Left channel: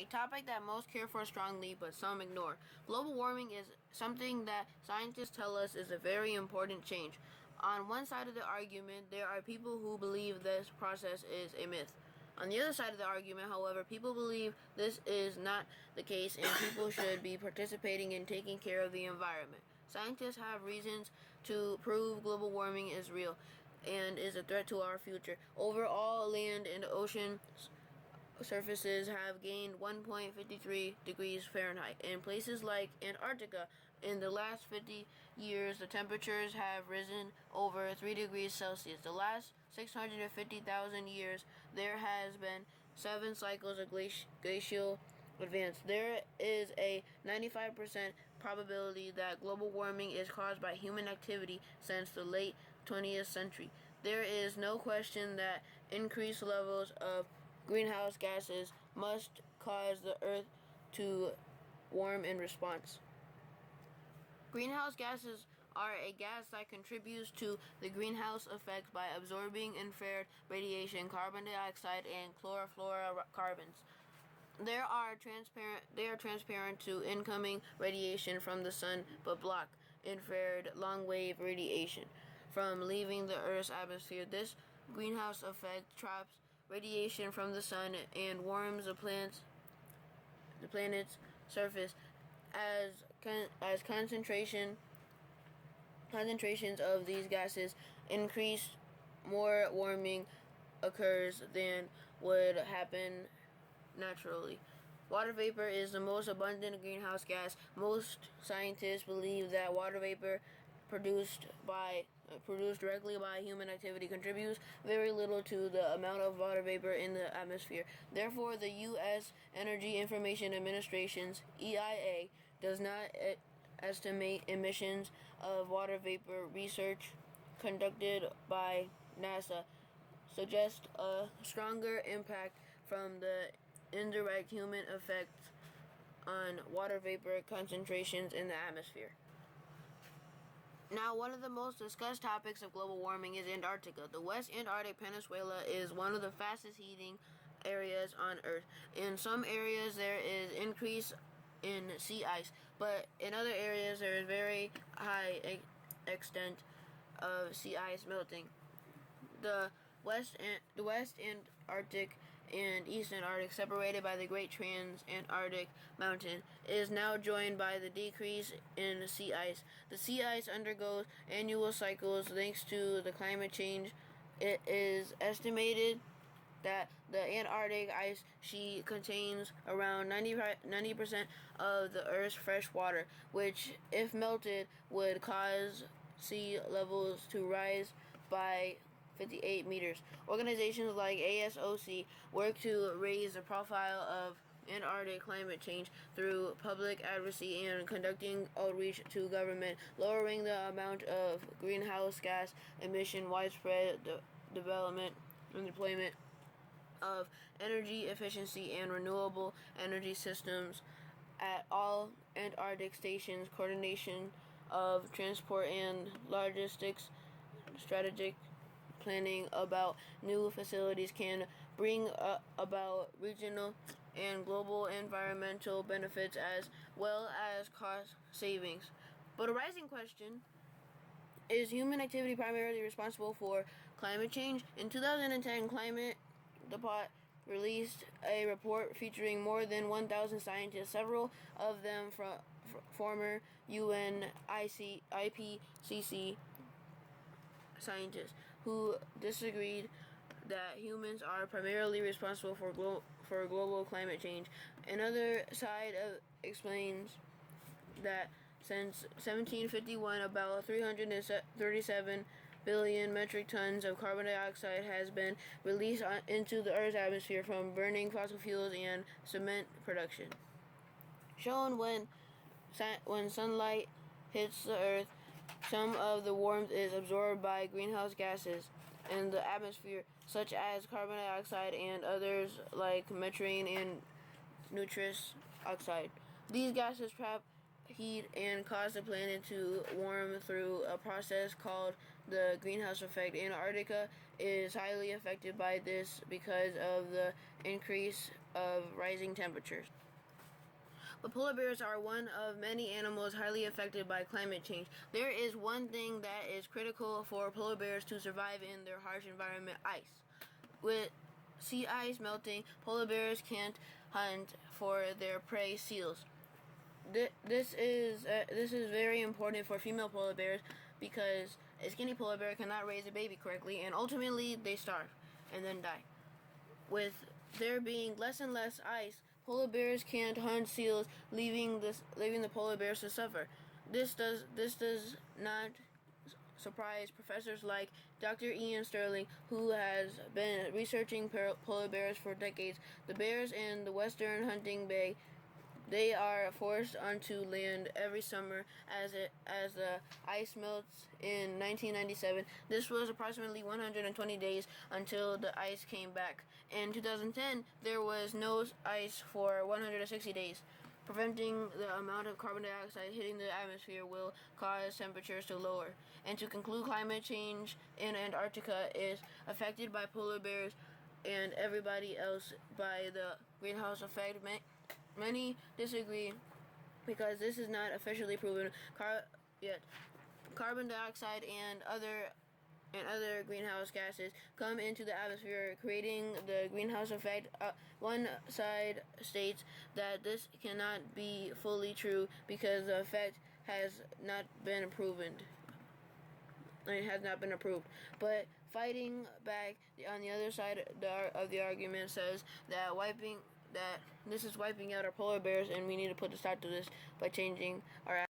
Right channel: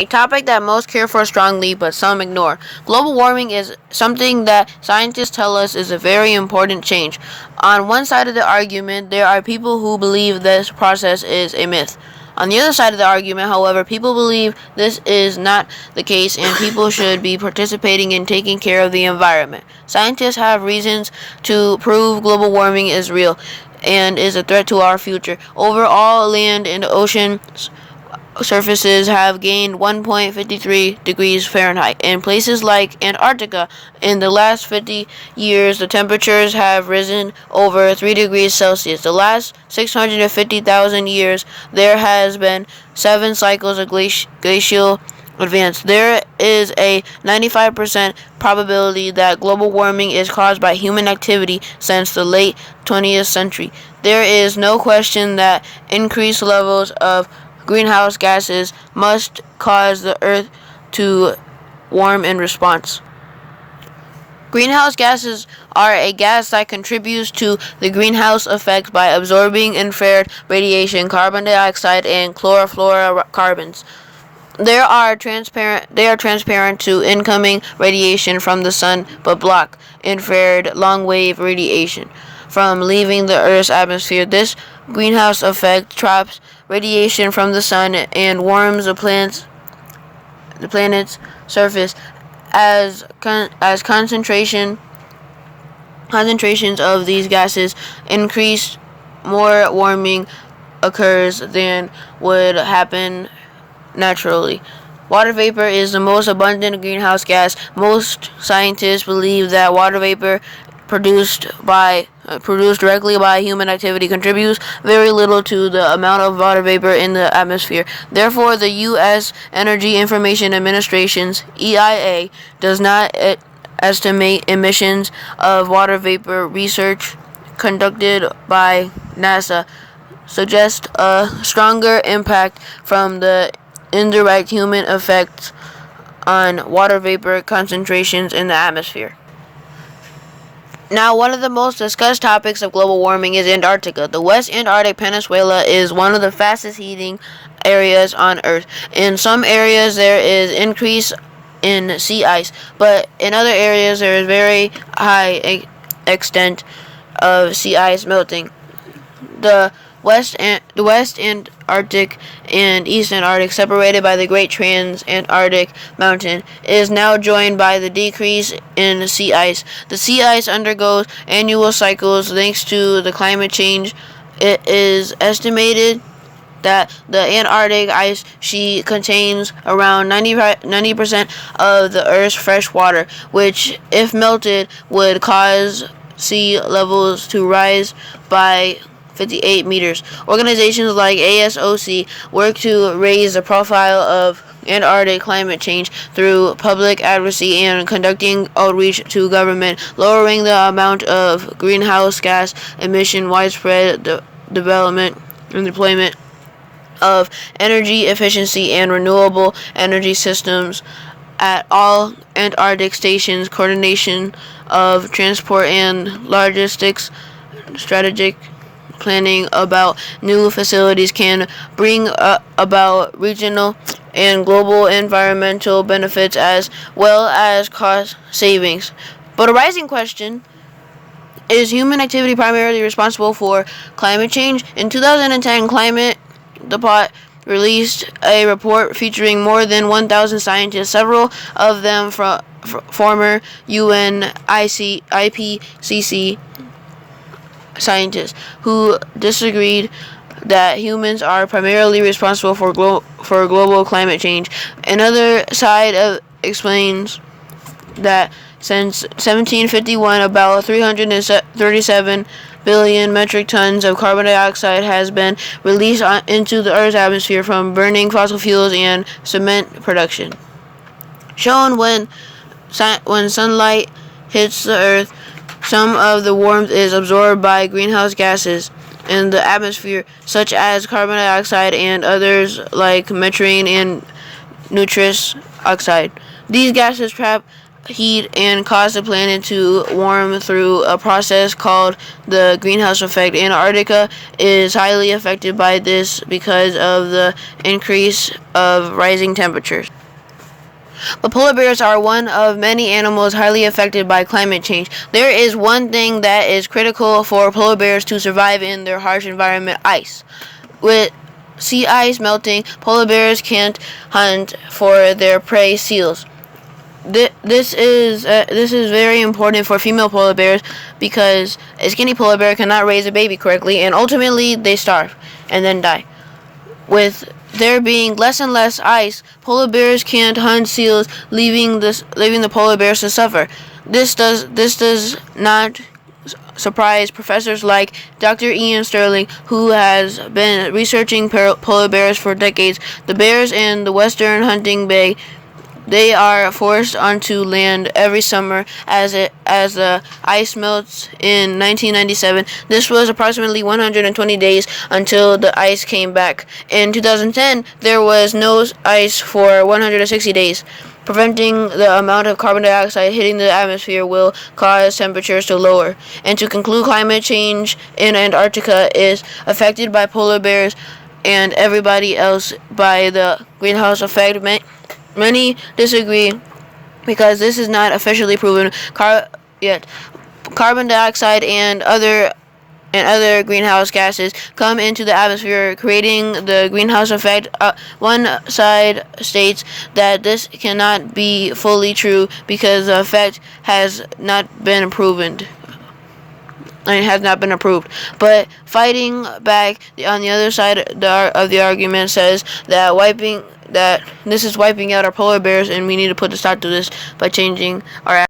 A topic that most care for strongly but some ignore. Global warming is something that scientists tell us is a very important change. On one side of the argument, there are people who believe this process is a myth. On the other side of the argument, however, people believe this is not the case and people should be participating in taking care of the environment. Scientists have reasons to prove global warming is real and is a threat to our future. Overall, land and ocean surfaces have gained 1.53 degrees Fahrenheit. In places like Antarctica, in the last 50 years, the temperatures have risen over 3 degrees Celsius. The last 650,000 years, there has been 7 cycles of glacial advance. There is a 95% probability that global warming is caused by human activity since the late 20th century. There is no question that increased levels of greenhouse gases must cause the Earth to warm in response. Greenhouse gases are a gas that contributes to the greenhouse effect by absorbing infrared radiation, carbon dioxide, and chlorofluorocarbons. They are transparent to incoming radiation from the sun, but block infrared long-wave radiation from leaving the Earth's atmosphere. This greenhouse effect traps radiation from the sun and warms the planet's surface. As concentrations of these gases increase, more warming occurs than would happen naturally. Water vapor is the most abundant greenhouse gas. Most scientists believe that water vapor produced directly by human activity contributes very little to the amount of water vapor in the atmosphere. Therefore, the U.S. Energy Information Administration's EIA does not estimate emissions of water vapor. Research conducted by NASA suggests a stronger impact from the indirect human effects on water vapor concentrations in the atmosphere. Now, one of the most discussed topics of global warming is Antarctica. The West Antarctic Peninsula is one of the fastest heating areas on Earth. In some areas, there is increase in sea ice, but in other areas, there is very high extent of sea ice melting. The West Antarctic and East Antarctic, separated by the Great Trans-Antarctic Mountain, is now joined by the decrease in sea ice. The sea ice undergoes annual cycles thanks to the climate change. It is estimated that the Antarctic ice sheet contains around 90% of the Earth's fresh water, which, if melted, would cause sea levels to rise by 58 meters. Organizations like ASOC work to raise the profile of Antarctic climate change through public advocacy and conducting outreach to government, lowering the amount of greenhouse gas emission, widespread development and deployment of energy efficiency and renewable energy systems at all Antarctic stations, coordination of transport and logistics, strategic planning about new facilities can bring about regional and global environmental benefits as well as cost savings. But a rising question: is human activity primarily responsible for climate change? In 2010, Climate Depot released a report featuring more than 1,000 scientists, several of them from former UN IPCC scientists, who disagreed that humans are primarily responsible for global climate change. Another side explains that since 1751, about 337 billion metric tons of carbon dioxide has been released into the Earth's atmosphere from burning fossil fuels and cement production. Shown when sunlight hits the Earth, some of the warmth is absorbed by greenhouse gases in the atmosphere, such as carbon dioxide and others like methane and nitrous oxide. These gases trap heat and cause the planet to warm through a process called the greenhouse effect. Antarctica is highly affected by this because of the increase of rising temperatures. But polar bears are one of many animals highly affected by climate change. There is one thing that is critical for polar bears to survive in their harsh environment: ice. With sea ice melting, polar bears can't hunt for their prey, seals. This is very important for female polar bears because a skinny polar bear cannot raise a baby correctly, and ultimately they starve and then die. With there being less and less ice, polar bears can't hunt seals, leaving the polar bears to suffer. This does not surprise professors like Dr. Ian Sterling, who has been researching polar bears for decades. The bears in the western hunting bay, they are forced onto land every summer as the ice melts in 1997. This was approximately 120 days until the ice came back. In 2010, there was no ice for 160 days. Preventing the amount of carbon dioxide hitting the atmosphere will cause temperatures to lower. And to conclude, climate change in Antarctica is affected by polar bears and everybody else by the greenhouse effect. Many disagree because this is not officially proven yet. Carbon dioxide and other greenhouse gases come into the atmosphere, creating the greenhouse effect. One side states that this cannot be fully true because the effect has not been proven. It has not been approved. But fighting back on the other side of the argument says that this is wiping out our polar bears, and we need to put a stop to this by changing our